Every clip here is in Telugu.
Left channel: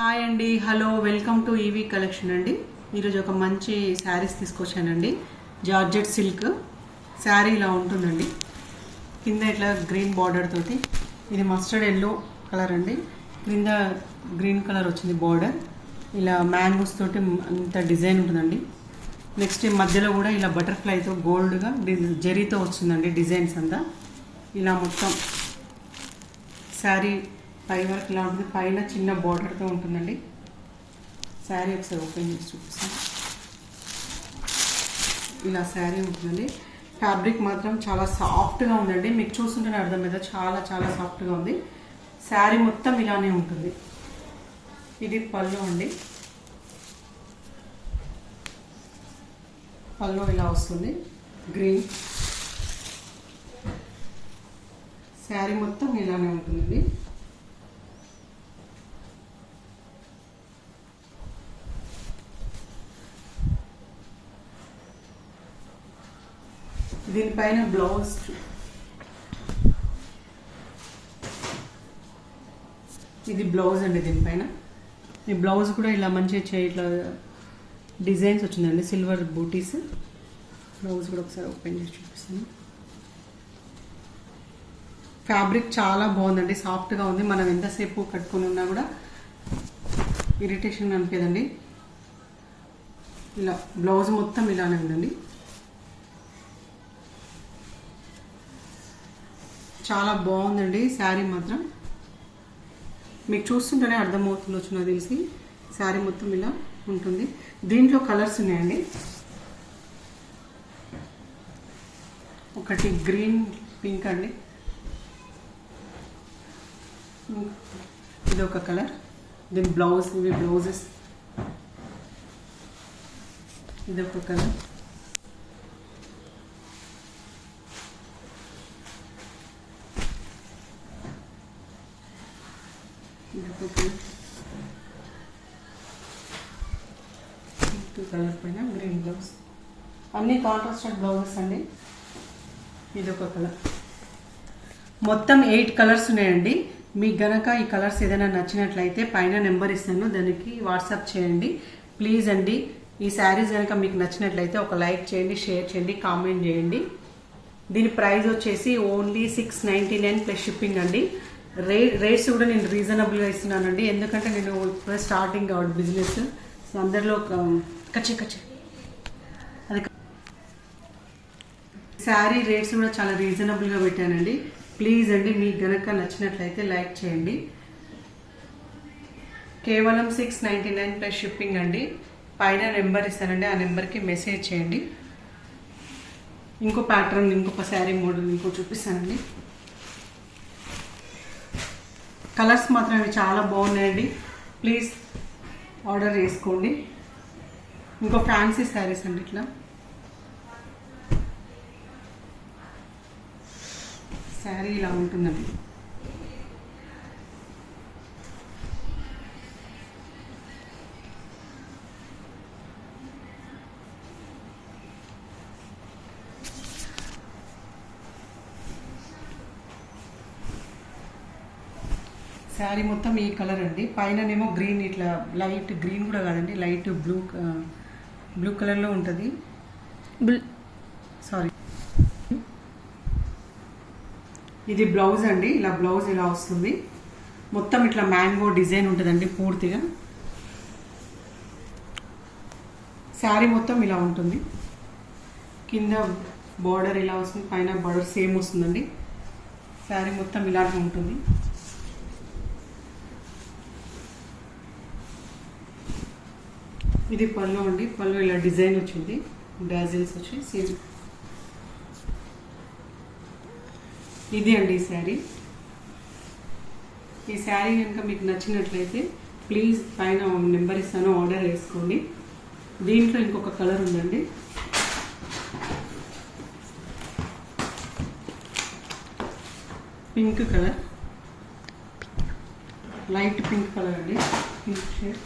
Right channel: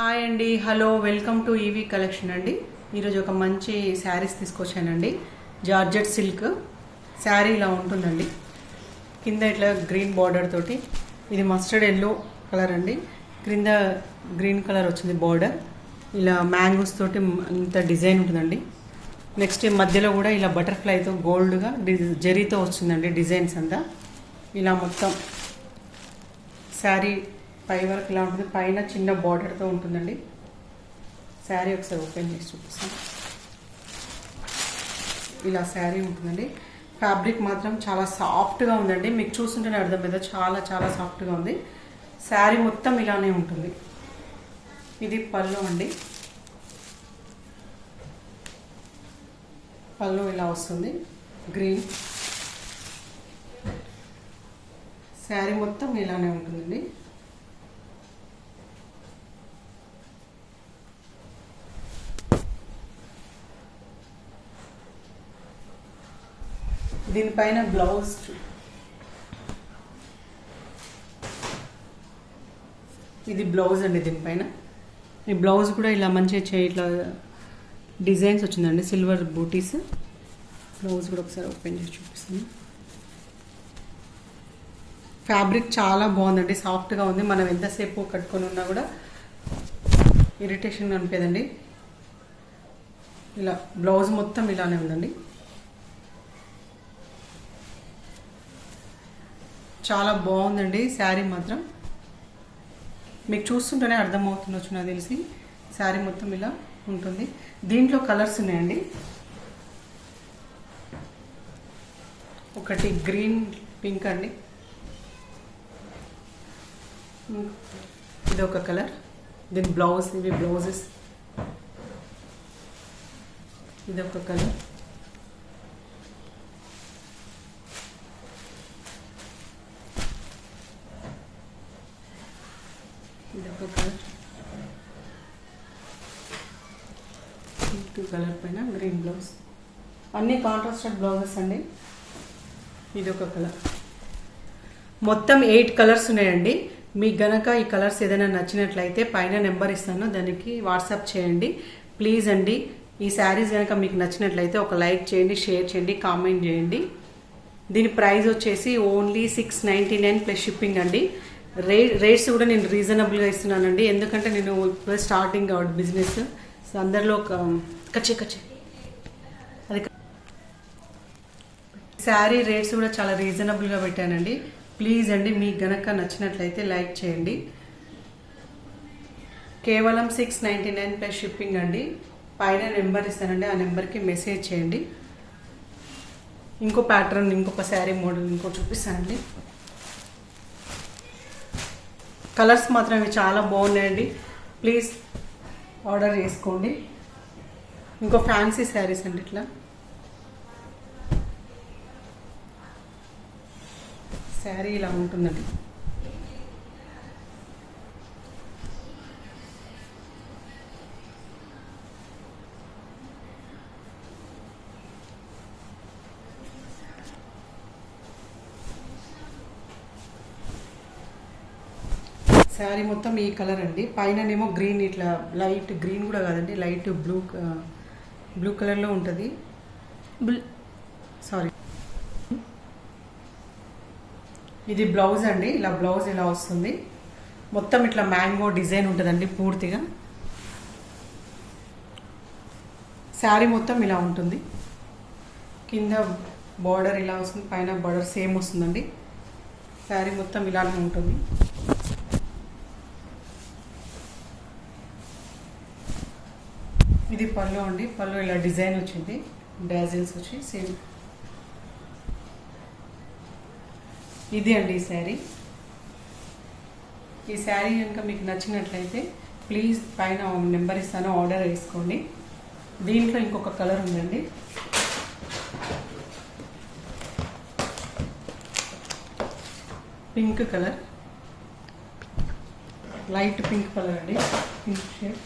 హాయ్ అండి, hello, welcome to EV collection అండి. ఈరోజు ఒక మంచి శారీస్ తీసుకొచ్చానండి. జార్జెట్ సిల్క్ శారీ ఇలా ఉంటుందండి. కింద ఇట్లా గ్రీన్ బార్డర్ తోటి, ఇది మస్టర్డ్ ఎల్లో కలర్ అండి. క్రింద గ్రీన్ కలర్ వచ్చింది బార్డర్. ఇలా మ్యాంగోస్ తోటి ఇంత డిజైన్ ఉంటుందండి. నెక్స్ట్ మధ్యలో కూడా ఇలా బటర్ఫ్లైతో గోల్డ్గా జరీతో వస్తుందండి డిజైన్స్ అంతా. ఇలా మొత్తం శారీ పై వరకు ఇలా ఉంటుంది. పైన చిన్న బార్డర్తో ఉంటుందండి. శారీ ఒకసారి ఓపెన్ చేసి చూపిస్తాను. ఇలా శారీ ఉంటుందండి. ఫ్యాబ్రిక్ మాత్రం చాలా సాఫ్ట్గా ఉందండి. మీకు చూస్తుంటేనే అర్థమైంది, చాలా చాలా సాఫ్ట్గా ఉంది. శారీ మొత్తం ఇలానే ఉంటుంది. ఇది పళ్ళు అండి. పళ్ళు ఇలా వస్తుంది గ్రీన్. శారీ మొత్తం ఇలానే ఉంటుందండి. దీనిపైన బ్లౌజ్, ఇది బ్లౌజ్ అండి. దీనిపైన ఈ బ్లౌజ్ కూడా ఇలా మంచిగా ఇట్లా డిజైన్స్ వచ్చిందండి, సిల్వర్ బూటీస్. బ్లౌజ్ కూడా ఒకసారి ఓపెన్ చేసి చూపిస్తాను. ఫ్యాబ్రిక్ చాలా బాగుందండి, సాఫ్ట్గా ఉంది. మనం ఎంతసేపు కట్టుకొని ఉన్నా కూడా ఇరిటేషన్ అనిపేదండి. ఇలా బ్లౌజ్ మొత్తం ఇలానే ఉందండి. చాలా బాగుందండి శారీ మాత్రం. మీకు చూస్తుంటేనే అర్థమవుతుండొచ్చు నాకు తెలిసి. శారీ మొత్తం ఇలా ఉంటుంది. దీంట్లో కలర్స్ ఉన్నాయండి. ఒకటి గ్రీన్, పింక్ అండి. ఇది ఒక కలర్. దీని బ్లౌజ్, ఇవి బ్లౌజెస్. ఇది ఒక కలర్. కలర్ పైన గ్రీన్ బ్లౌజ్. అన్ని కాంట్రాస్టెడ్ బ్లౌజెస్ అండి. ఇది ఒక కలర్. మొత్తం 8 కలర్స్ ఉన్నాయండి. మీకు గనక ఈ కలర్స్ ఏదైనా నచ్చినట్లయితే పైన నెంబర్ ఇస్తాను, దానికి వాట్సాప్ చేయండి ప్లీజ్ అండి. ఈ శారీస్ కనుక మీకు నచ్చినట్లయితే ఒక లైక్ చేయండి, షేర్ చేయండి, కామెంట్ చేయండి. దీని ప్రైస్ వచ్చేసి ఓన్లీ 699 ప్లస్ షిప్పింగ్ అండి. రేట్స్ కూడా నేను రీజనబుల్గా ఇస్తున్నానండి, ఎందుకంటే నేను ఇప్పుడు స్టార్టింగ్ అవుట్ బిజినెస్. సో అందరిలో కచ్చే అది శారీ రేట్స్ కూడా చాలా రీజనబుల్గా పెట్టానండి. ప్లీజ్ అండి, మీకు గనక నచ్చినట్లయితే లైక్ చేయండి. కేవలం 699 ప్లస్ షిప్పింగ్ అండి. పైన నెంబర్ ఇస్తానండి, ఆ నెంబర్కి మెసేజ్ చేయండి. ఇంకో ప్యాటర్న్, ఇంకొక శారీ మోడల్ ఇంకో చూపిస్తానండి. కలర్స్ మాత్రం ఇవి చాలా బాగున్నాయండి. ప్లీజ్ ఆర్డర్ చేసుకోండి. ఇంకో ఫ్యాన్సీ శారీస్ అండి. ఇట్లా శారీ ఇలా ఉంటుందండి. శారీ మొత్తం ఈ కలర్ అండి. పైననేమో గ్రీన్, ఇట్లా లైట్ గ్రీన్ కూడా కాదండి, లైట్ బ్లూ కలర్లో ఉంటుంది. సారీ, ఇది బ్లౌజ్ అండి. ఇలా బ్లౌజ్ ఇలా వస్తుంది. మొత్తం ఇట్లా మ్యాంగో డిజైన్ ఉంటుందండి పూర్తిగా. శారీ మొత్తం ఇలా ఉంటుంది. కింద బార్డర్ ఇలా వస్తుంది, పైన బార్డర్ సేమ్ వస్తుందండి. శారీ మొత్తం ఇలానే ఉంటుంది. ఇది పళ్ళు అండి. పళ్ళు ఇలా డిజైన్ వచ్చింది, బ్రాజిల్స్ వచ్చి సేమ్. ఇది అండి ఈ శారీ. ఈ శారీ కనుక మీకు నచ్చినట్లయితే ప్లీజ్ పైన నెంబర్ ఇస్తాను, ఆర్డర్ చేసుకోండి. దీంట్లో ఇంకొక కలర్ ఉందండి. Pink colour, light pink colour అండి. Pink shade.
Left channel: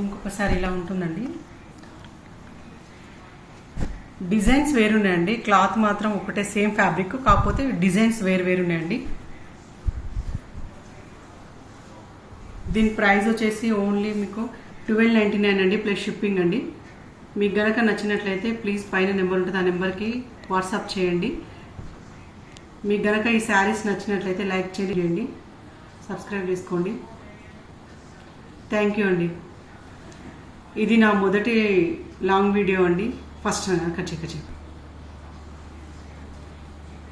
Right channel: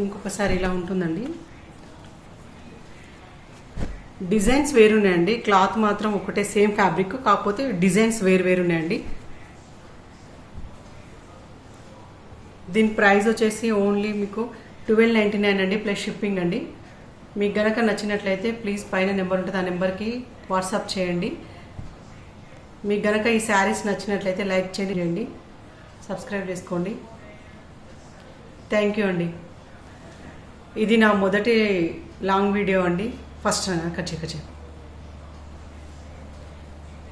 ఇంకొకసారి ఇలా ఉంటుందండి. డిజైన్స్ వేరున్నాయండి, క్లాత్ మాత్రం ఒకటే సేమ్ ఫ్యాబ్రిక్, కాకపోతే డిజైన్స్ వేరున్నాయండి. దీని ప్రైస్ వచ్చేసి ఓన్లీ మీకు 1299 అండి, ప్లస్ షిప్పింగ్ అండి. మీకు గనక నచ్చినట్లయితే ప్లీజ్ పైన నెంబర్ ఉంటుంది, ఆ నెంబర్కి వాట్సాప్ చేయండి. మీకు గనక ఈ శారీస్ నచ్చినట్లయితే లైక్ చేయండి, సబ్స్క్రైబ్ చేసుకోండి. థ్యాంక్ యూ అండి. ఇది నా మొదటి లాంగ్ వీడియో అండి, ఫస్ట్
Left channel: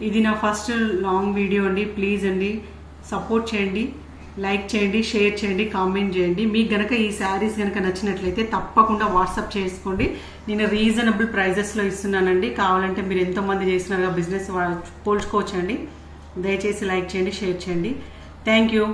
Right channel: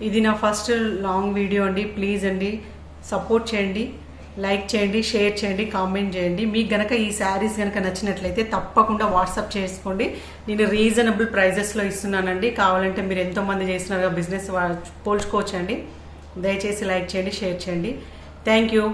ఇది నా ఫస్ట్ లాంగ్ వీడియో అండి. ప్లీజ్ అండి సపోర్ట్ చేయండి, లైక్ చేయండి, షేర్ చేయండి, కామెంట్ చేయండి. మీకు గనక ఈ శారీస్ గనక నచ్చినట్లయితే తప్పకుండా వాట్సాప్ చేసుకోండి. నేను రీజనబుల్ ప్రైజెస్లో ఇస్తున్నానండి. కావాలంటే మీరు ఎంతోమంది చేసినారుగా బిజినెస్ పోల్చుకోవచ్చండి. దయచేసి లైక్ చేయండి, షేర్ చేయండి. Thank you.